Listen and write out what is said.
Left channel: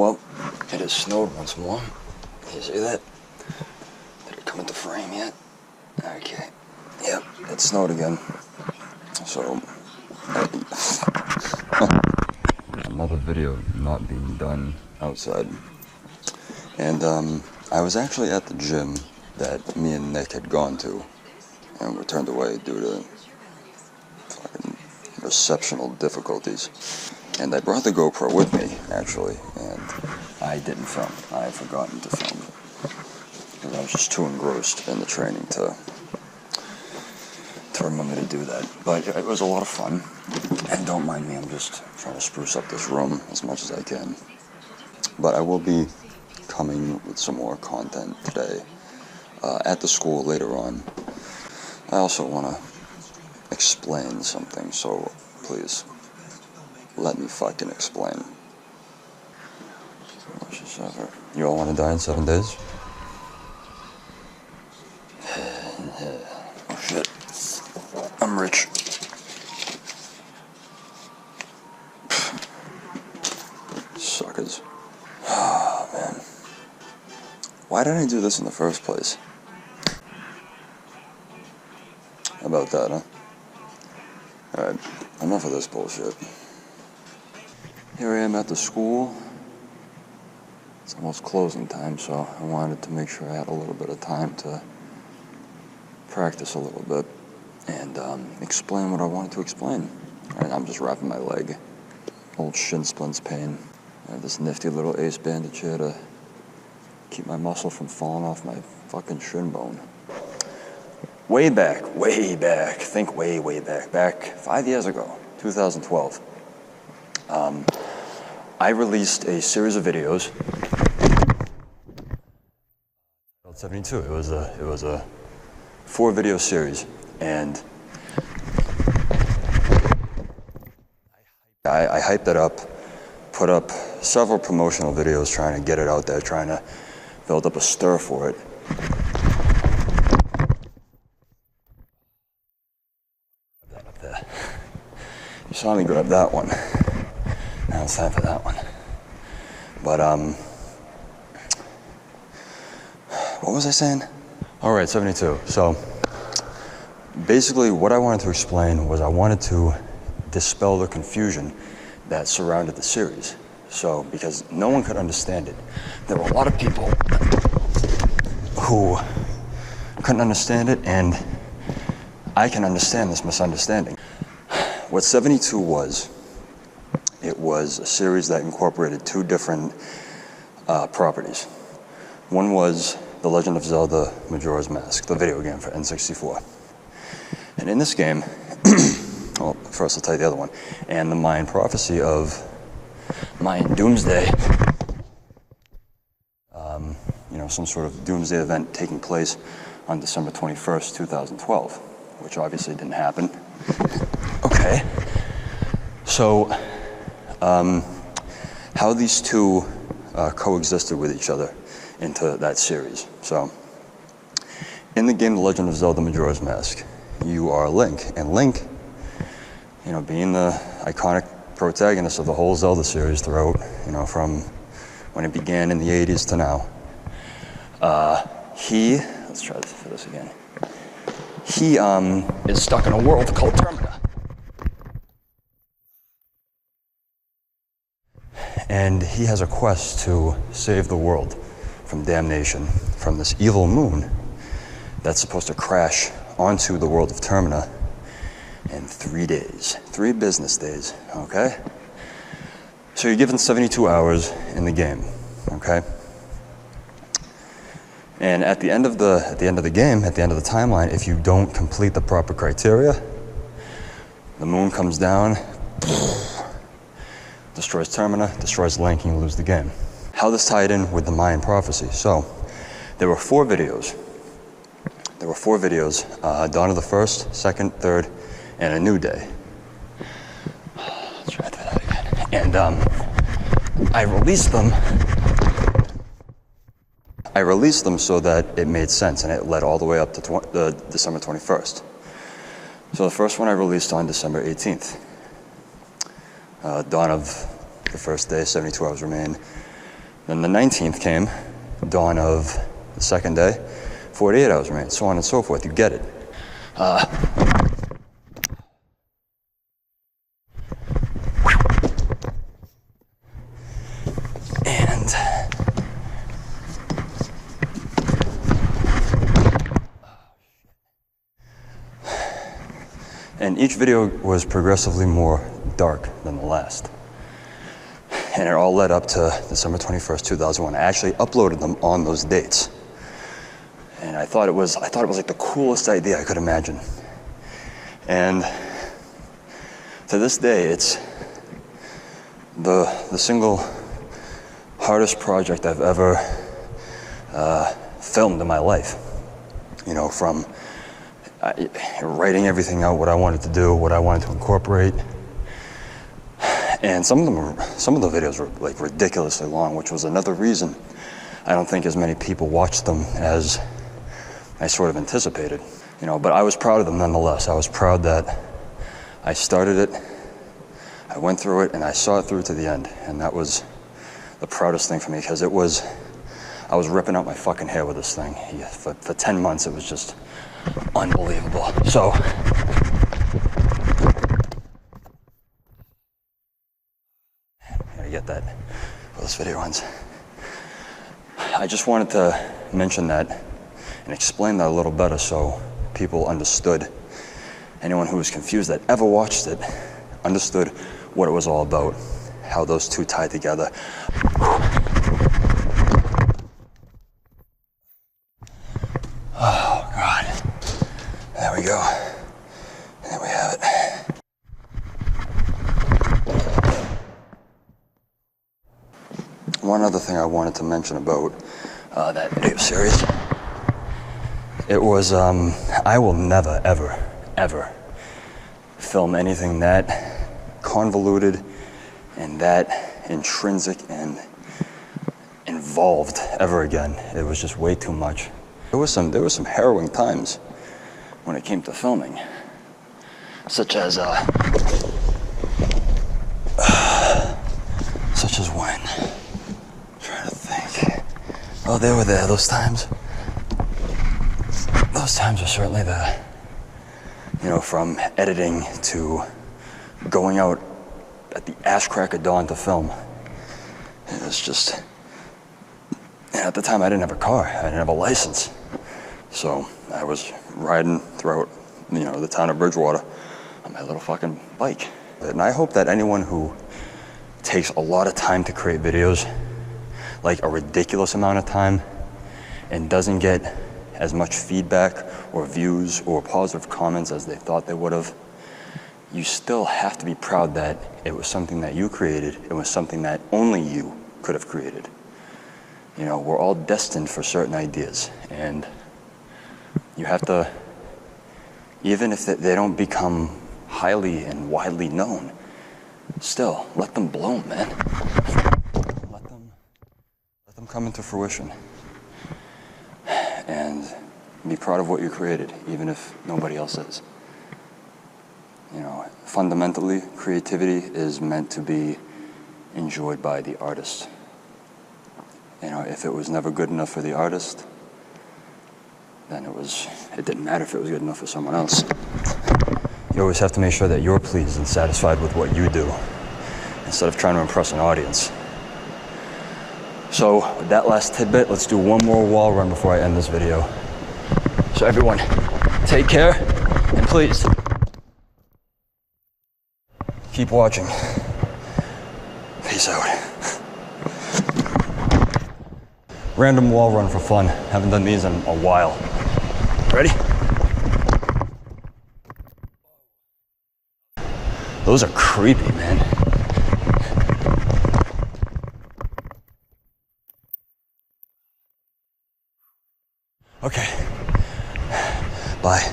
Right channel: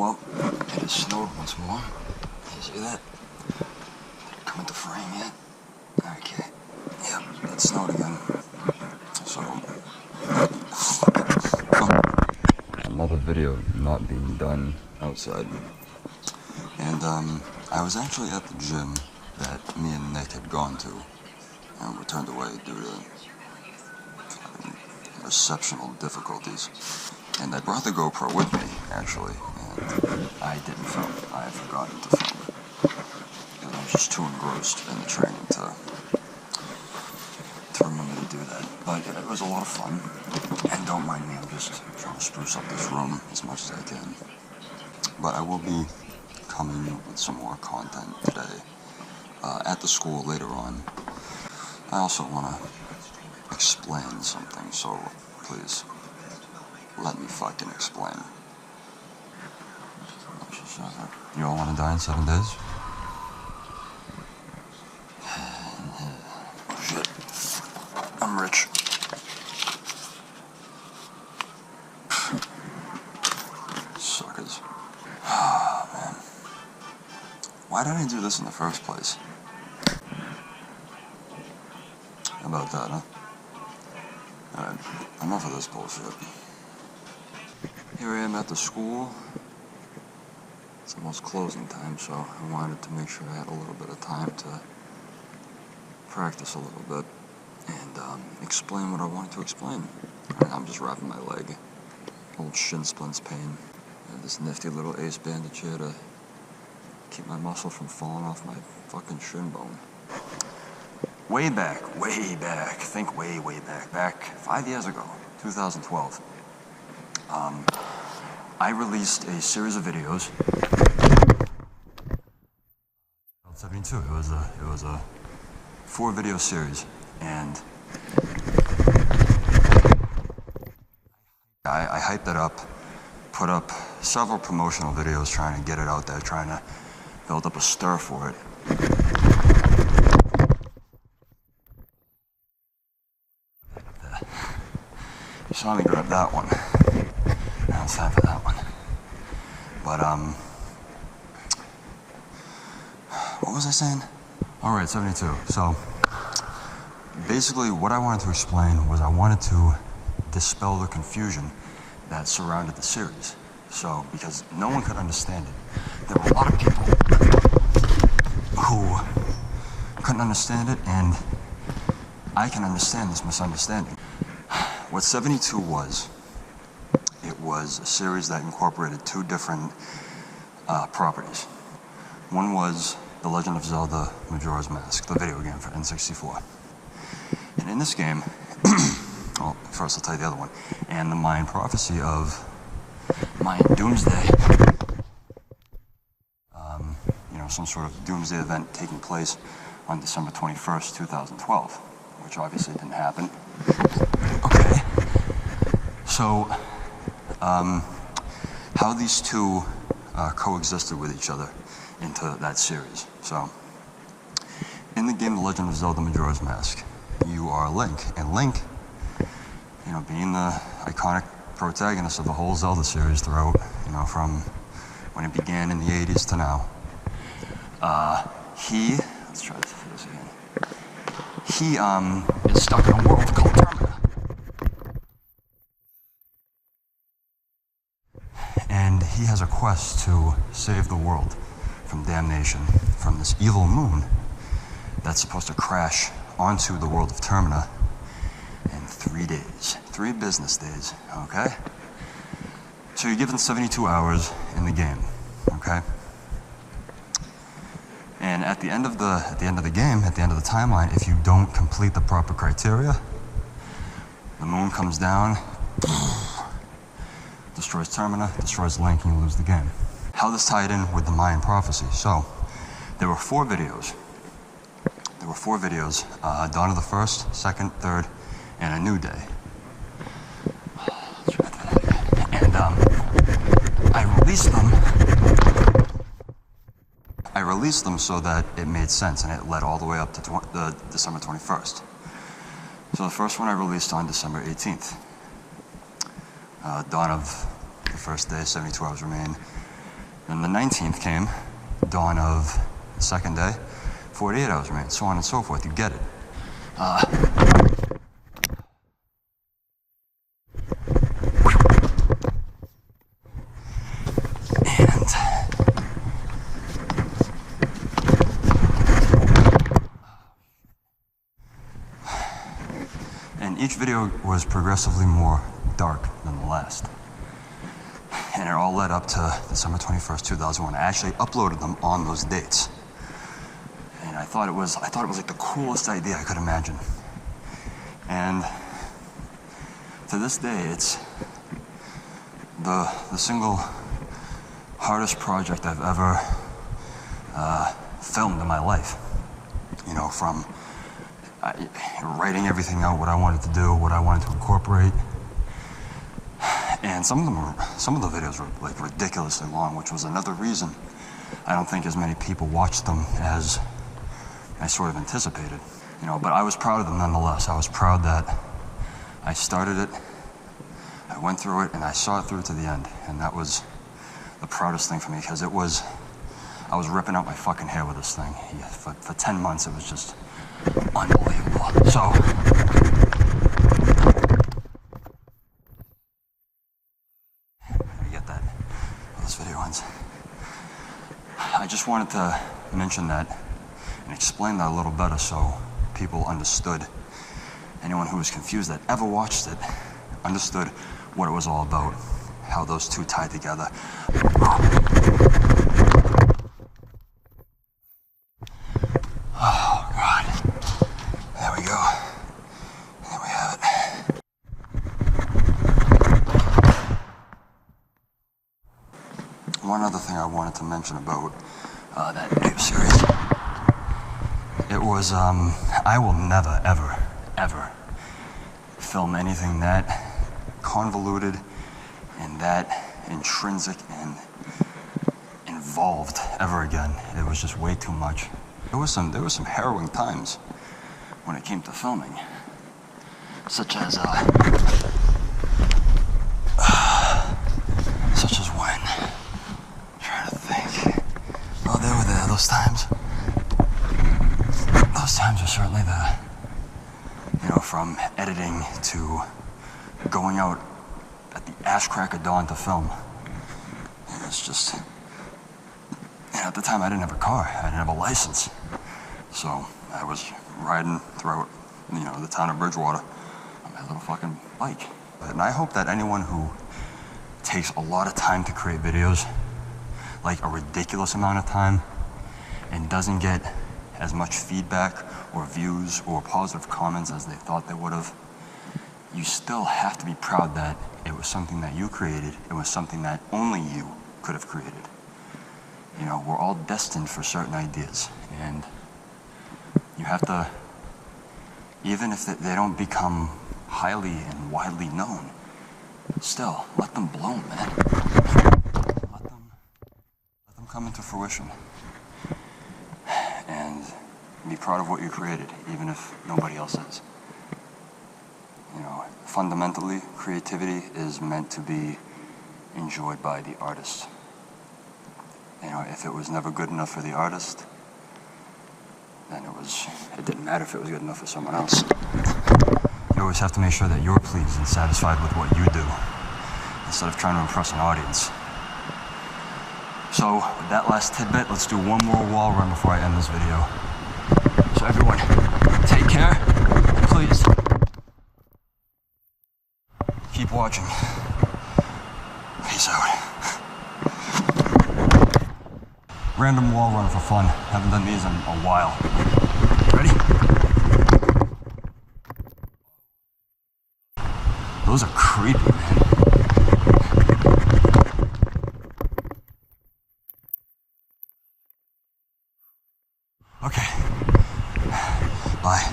Well, it has snowed once more. You see that? Did it come into frame yet? Okay. Yep, it snowed again. So, another video not being done outside. And I was actually at the gym that me and Nick had gone to and were turned away due to fucking receptional difficulties. And I brought the GoPro with me, actually, and I didn't film. I had forgotten to film because I was just too engrossed in the training to remember to do that. But it was a lot of fun, and don't mind me, I'm just trying to spruce up this room as much as I can. But I will be coming with some more content today at the school later on. I also want to explain something, so please let me fucking explain. You all want to die in 7 days? Oh shit. I'm rich. Suckers. Oh man. Why did I do this in the first place? How about that, huh? Alright, enough of this bullshit. Here I am at the school. It's almost closing time, so I wanted to make sure I had a little bit of time to practice a little bit and explain what I wanted to explain. Right, I'm just wrapping my leg. Old shin splints pain. I have this nifty little ace bandage here to keep my muscle from falling off my fucking shin bone. Way back, think way back 5 years ago, 2012. I released a series of videos. 72. It was a 4-video series, and I hyped it up, put up several promotional videos trying to get it out there, trying to build up a stir for it. That up there. You saw me grab that one. Now it's time for that one. But what was I saying? All right, 72. So basically what I wanted to explain was I wanted to dispel the confusion that surrounded the series. So, because no one could understand it. There were a lot of people who couldn't understand it, and I can understand this misunderstanding. What 72 was, it was a series that incorporated 2 different properties. One was The Legend of Zelda Majora's Mask, the video game for N64. And in this game, well, first I'll tell you the other one, and the Mayan prophecy of Mayan doomsday, some sort of doomsday event taking place on December 21st, 2012, which obviously didn't happen. Okay. So, how these two coexisted with each other into that series. So, in the game The Legend of Zelda Majora's Mask, you are Link, and Link, being the iconic protagonist of the whole Zelda series throughout, from when it began in the 80s to now, let's try this for this again. He is stuck in a world called Termina. And he has a quest to save the world from damnation from this evil moon that's supposed to crash onto the world of Termina in 3 days, 3 business days, okay? So you're given 72 hours in the game, okay? And at the end of the game, at the end of the timeline, if you don't complete the proper criteria, the moon comes down, destroys Termina, destroys Link, and you lose the game. How this tied in with the Mayan prophecy. So, there were 4 videos. Dawn of the First, Second, Third, and A New Day. Let's try that again. And I released them so that it made sense, and it led all the way up to December 21st. So the first one I released on December 18th. Dawn of the first day, 72 hours remain. Then the 19th came, dawn of the second day, 48 hours remained, so on and so forth. You get it. And each video was progressively more dark than the last. And it all led up to December 21st, 2001. I actually uploaded them on those dates. And I thought it was like the coolest idea I could imagine. And to this day, it's the single hardest project I've ever filmed in my life. You know, from writing everything out, what I wanted to do, what I wanted to incorporate. And some of the videos were like ridiculously long, which was another reason I don't think as many people watched them as I sort of anticipated. You know, but I was proud of them nonetheless. I was proud that I started it, I went through it, and I saw it through to the end. And that was the proudest thing for me, because I was ripping out my fucking hair with this thing. Yeah, for 10 months, it was just unbelievable. So, gotta get that for this video ends. I just wanted to mention that and explain that a little better so people understood. Anyone who was confused that ever watched it understood what it was all about, how those two tied together. Oh, God. There we go. There we have it. One other thing I wanted to mention about that video series. It was, I will never, ever, ever film anything that convoluted and that intrinsic and involved ever again. It was just way too much. There was some harrowing times when it came to filming, such as when? I'm trying to think. Oh, they were there, those times. Those times are certainly there. You know, from editing to going out at the ass crack of dawn to film. It's just, and at the time I didn't have a car, I didn't have a license. So I was riding throughout, you know, the town of Bridgewater on my little fucking bike. And I hope that anyone who takes a lot of time to create videos, like a ridiculous amount of time, and doesn't get as much feedback or views or positive comments as they thought they would have, you still have to be proud that it was something that you created. It was something that only you could have created. You know, we're all destined for certain ideas, and you have to, even if they don't become highly and widely known, still, let them bloom, man. Let them come into fruition. And be proud of what you created, even if nobody else is. You know, fundamentally, creativity is meant to be enjoyed by the artist. You know, if it was never good enough for the artist, then it didn't matter if it was good enough for someone else. You always have to make sure that you're pleased and satisfied with what you do, instead of trying to impress an audience. So, with that last tidbit, let's do one more wall run before I end this video. So everyone, take care, and please, keep watching. Peace out. Random wall run for fun. Haven't done these in a while. Ready? Those are creepy, man. Okay. Bye.